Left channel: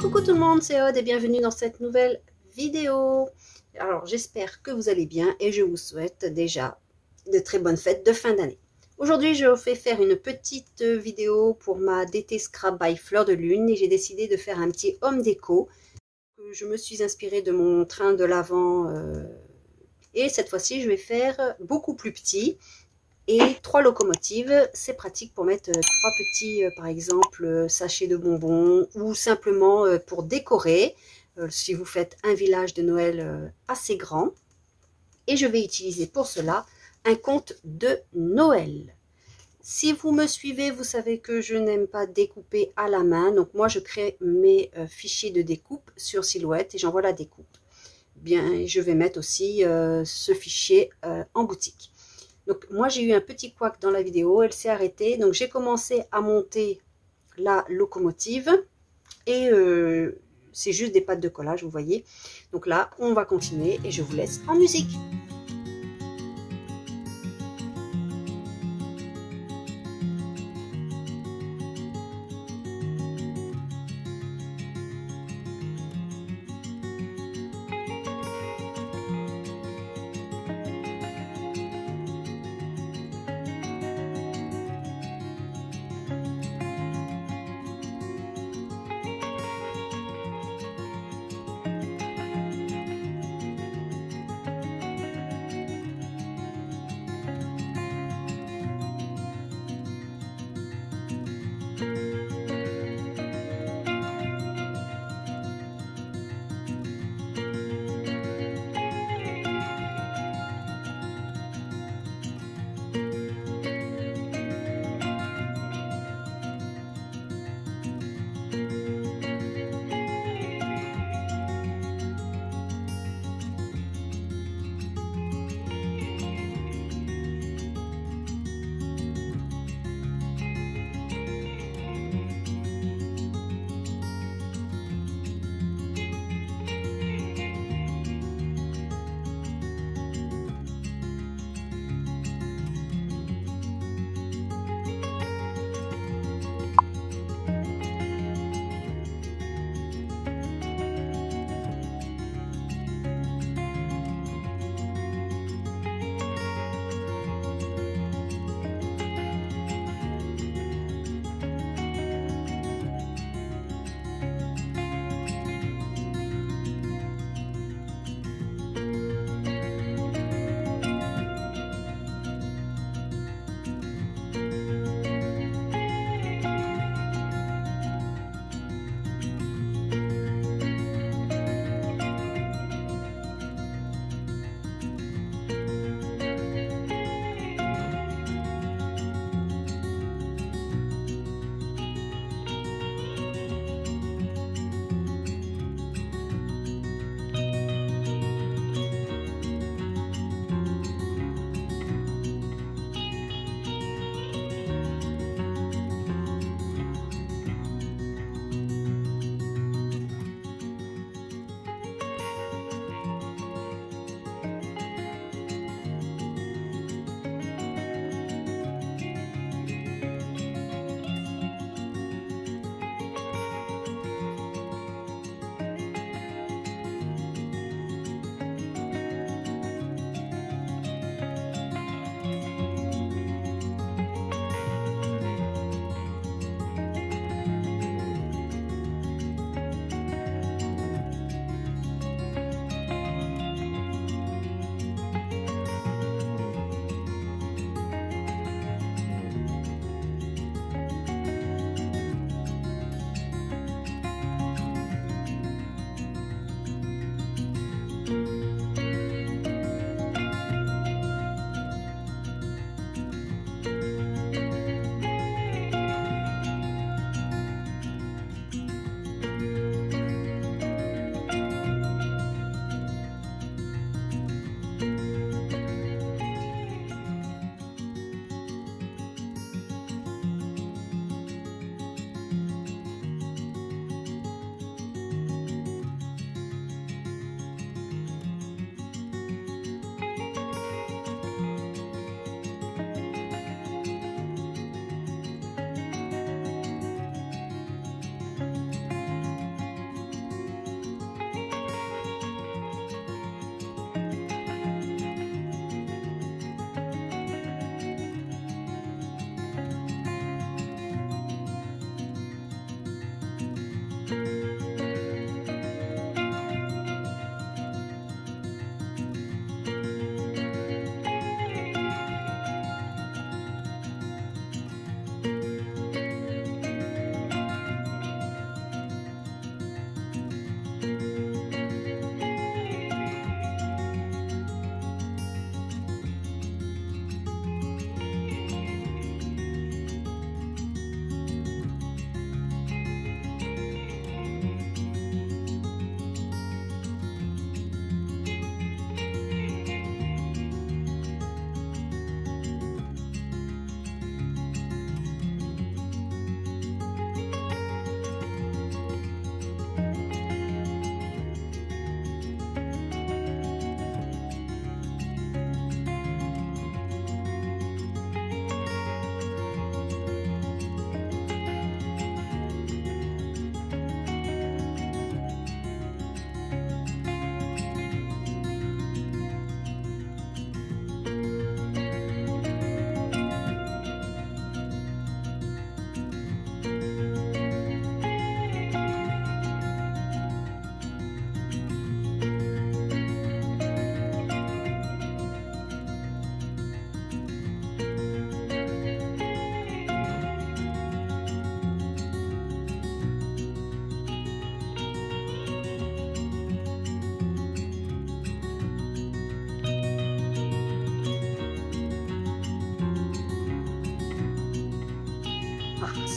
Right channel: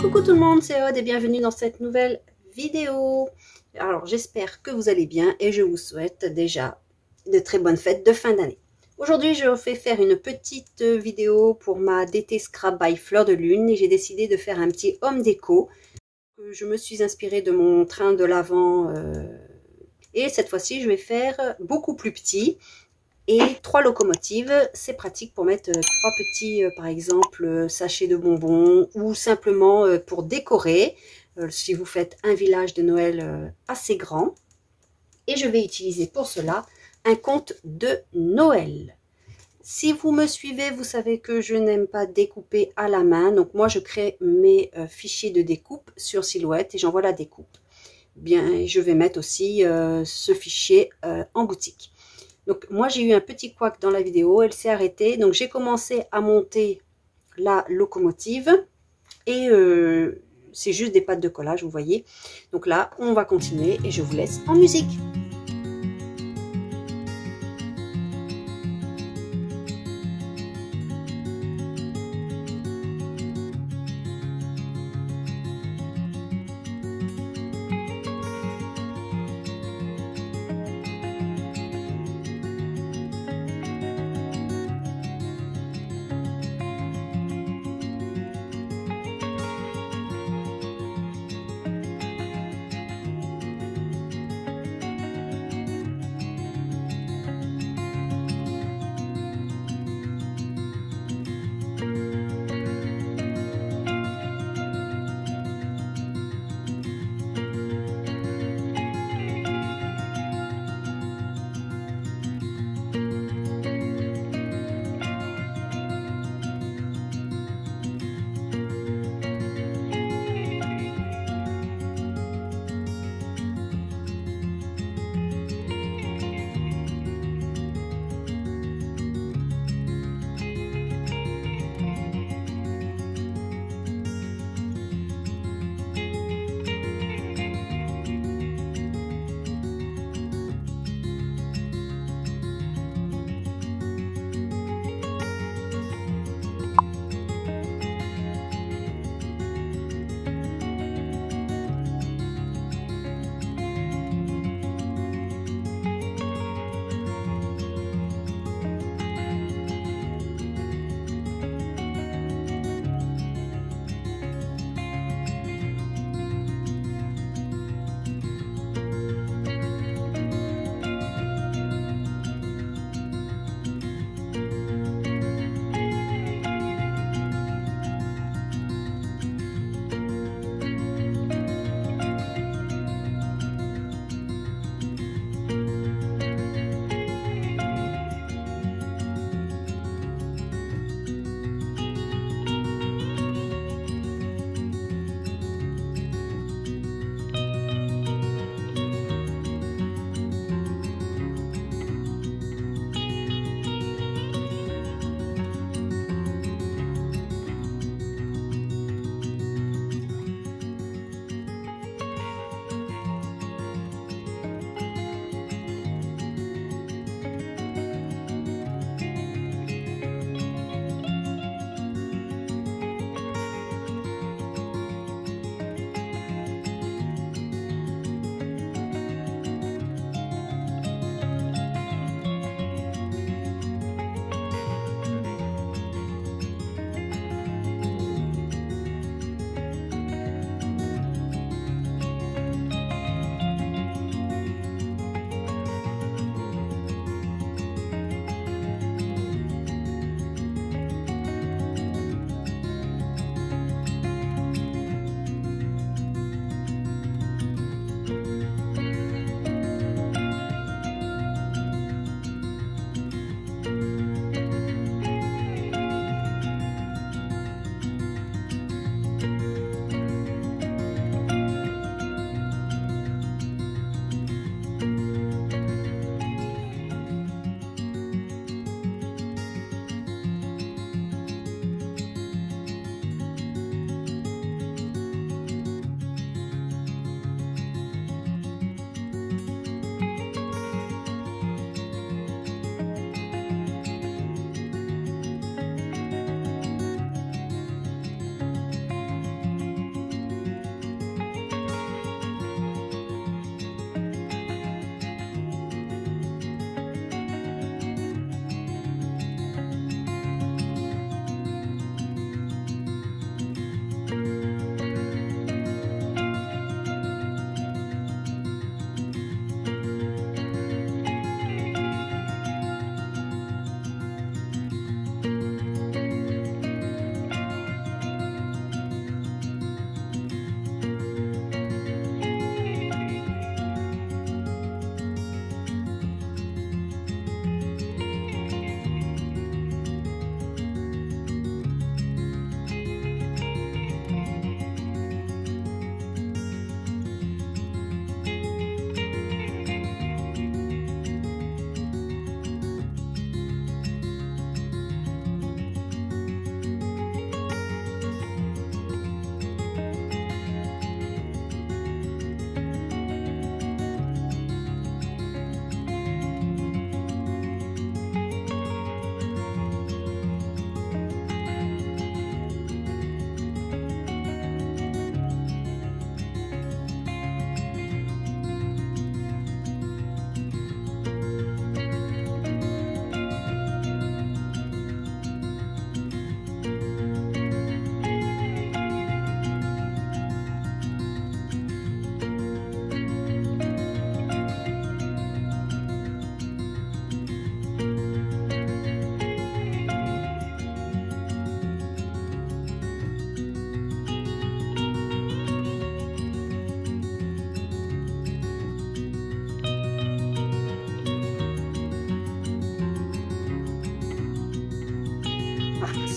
Coucou tout le monde, c'est Aude et bienvenue dans cette nouvelle vidéo. Alors j'espère que vous allez bien et je vous souhaite déjà de très bonnes fêtes de fin d'année. Aujourd'hui je vais faire une petite vidéo pour ma DT Scrap by Fleur de Lune et j'ai décidé de faire un petit home déco. Je me suis inspirée de mon train de l'Avent et cette fois-ci je vais faire beaucoup plus petit. Et 3 locomotives, c'est pratique pour mettre 3 petits, par exemple, sachets de bonbons ou simplement pour décorer, si vous faites un village de Noël assez grand. Et je vais utiliser pour cela un conte de Noël. Si vous me suivez, vous savez que je n'aime pas découper à la main. Donc moi, je crée mes fichiers de découpe sur Silhouette et j'envoie la découpe. Bien, je vais mettre aussi ce fichier en boutique. Donc moi j'ai eu un petit couac dans la vidéo, elle s'est arrêtée. Donc j'ai commencé à monter la locomotive et c'est juste des pattes de collage, vous voyez. Donc là on va continuer et je vous laisse en musique.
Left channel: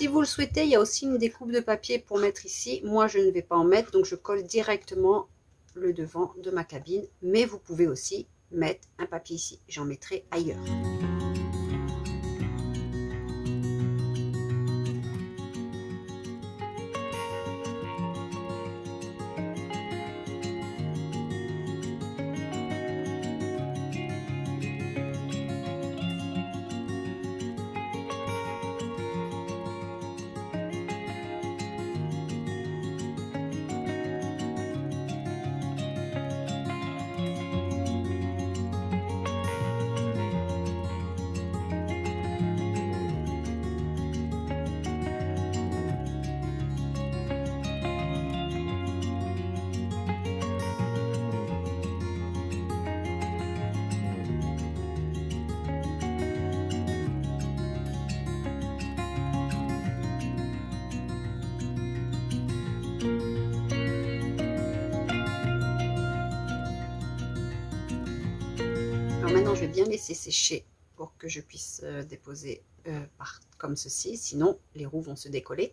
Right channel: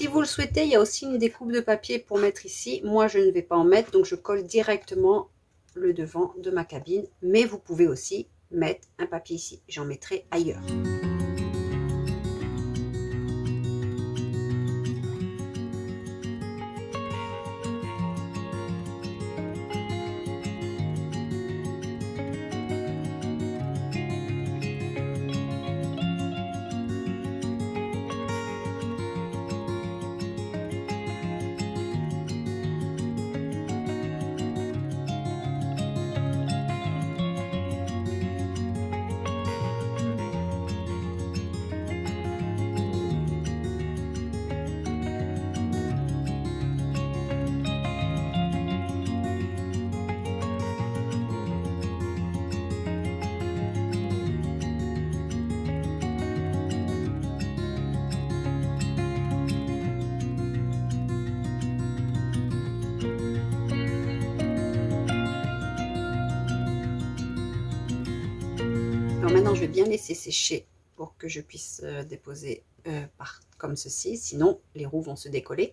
Si vous le souhaitez, il y a aussi une découpe de papier pour mettre ici. Moi, je ne vais pas en mettre, donc je colle directement le devant de ma cabine. Mais vous pouvez aussi mettre un papier ici. J'en mettrai ailleurs. Alors maintenant, je vais bien laisser sécher pour que je puisse déposer comme ceci. Sinon, les roues vont se décoller.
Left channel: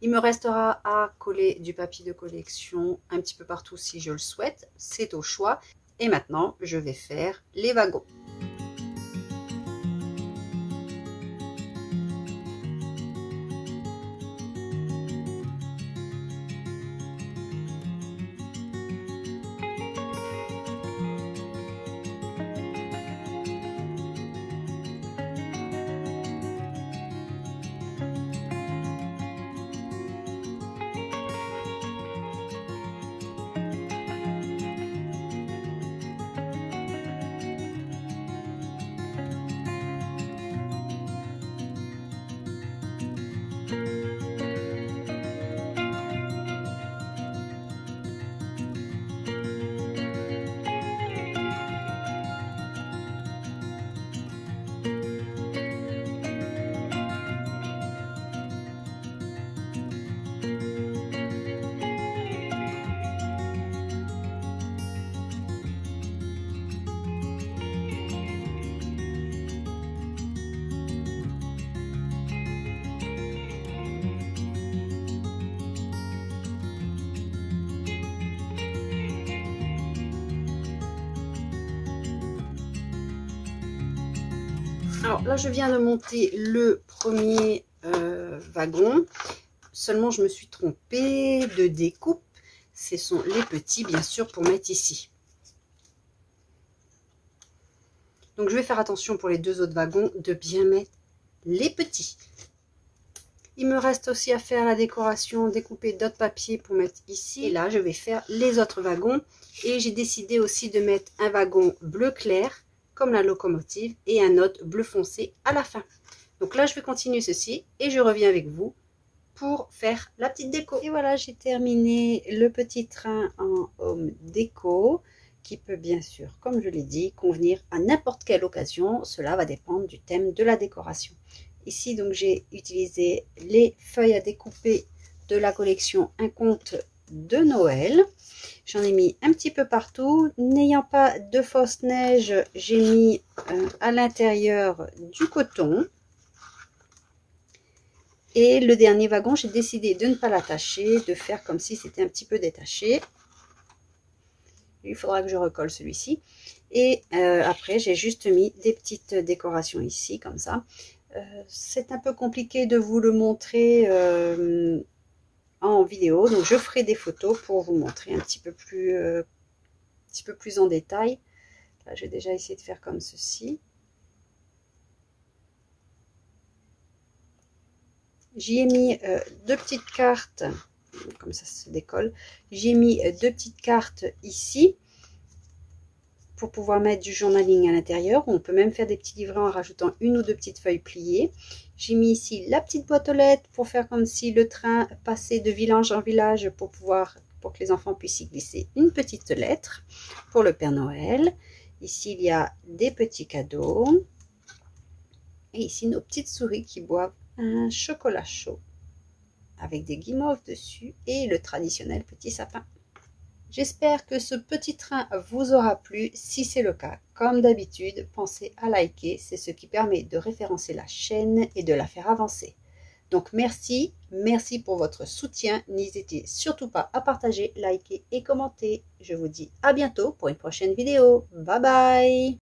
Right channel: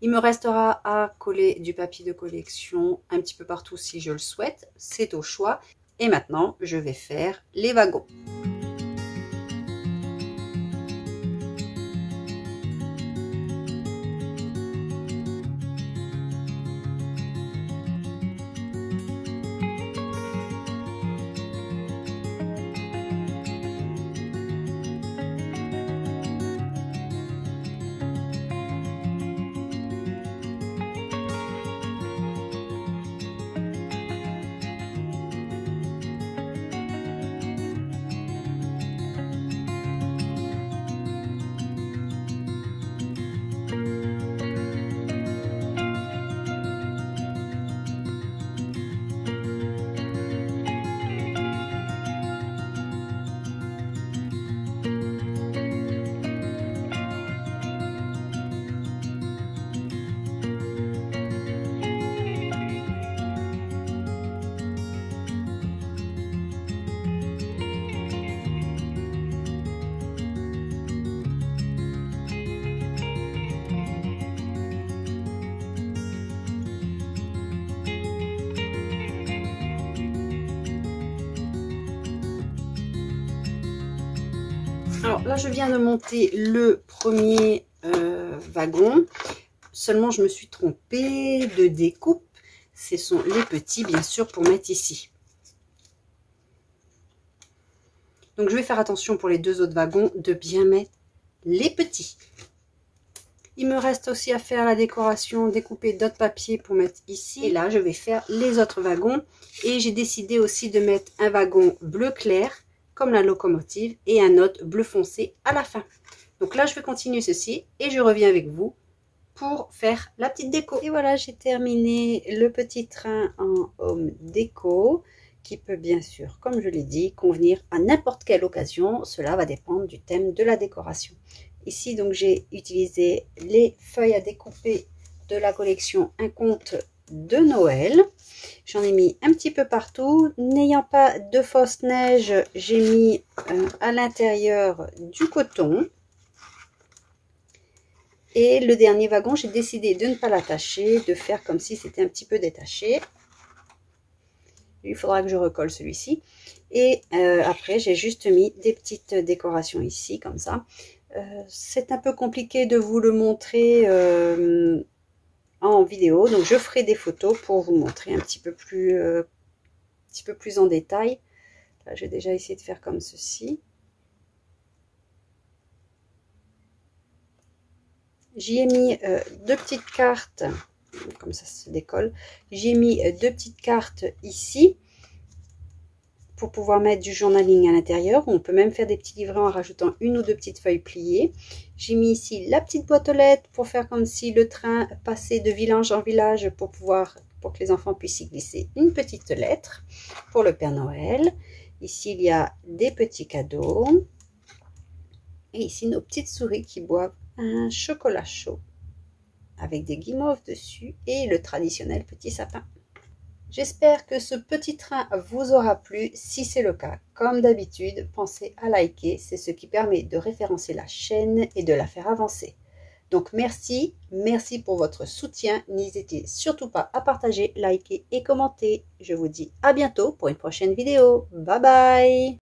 Il me restera à coller du papier de collection un petit peu partout si je le souhaite. C'est au choix. Et maintenant, je vais faire les wagons. Alors là, je viens de monter le premier wagon. Seulement, je me suis trompée de découpe. Ce sont les petits, bien sûr, pour mettre ici. Donc, je vais faire attention pour les deux autres wagons de bien mettre les petits. Il me reste aussi à faire la décoration, découper d'autres papiers pour mettre ici. Et là, je vais faire les autres wagons. Et j'ai décidé aussi de mettre un wagon bleu clair, comme la locomotive, et un autre bleu foncé à la fin. Donc là, je vais continuer ceci et je reviens avec vous pour faire la petite déco. Et voilà, j'ai terminé le petit train en home déco qui peut bien sûr, comme je l'ai dit, convenir à n'importe quelle occasion. Cela va dépendre du thème de la décoration. Ici, donc, j'ai utilisé les feuilles à découper de la collection Un conte de Noël. J'en ai mis un petit peu partout. N'ayant pas de fausse neige, j'ai mis à l'intérieur du coton. Et le dernier wagon, j'ai décidé de ne pas l'attacher, de faire comme si c'était un petit peu détaché. Il faudra que je recolle celui-ci. Et après, j'ai juste mis des petites décorations ici, comme ça. C'est un peu compliqué de vous le montrer en vidéo, donc je ferai des photos pour vous montrer un petit peu plus en détail. Là, je vais déjà essayer de faire comme ceci. J'y ai mis deux petites cartes, comme ça se décolle. J'ai mis deux petites cartes ici pour pouvoir mettre du journaling à l'intérieur. On peut même faire des petits livrets en rajoutant une ou deux petites feuilles pliées. J'ai mis ici la petite boîte aux lettres pour faire comme si le train passait de village en village pour que les enfants puissent y glisser une petite lettre pour le Père Noël. Ici, il y a des petits cadeaux. Et ici, nos petites souris qui boivent un chocolat chaud avec des guimauves dessus et le traditionnel petit sapin. J'espère que ce petit train vous aura plu. Si c'est le cas, comme d'habitude, pensez à liker. C'est ce qui permet de référencer la chaîne et de la faire avancer. Donc merci pour votre soutien. N'hésitez surtout pas à partager, liker et commenter. Je vous dis à bientôt pour une prochaine vidéo. Bye bye!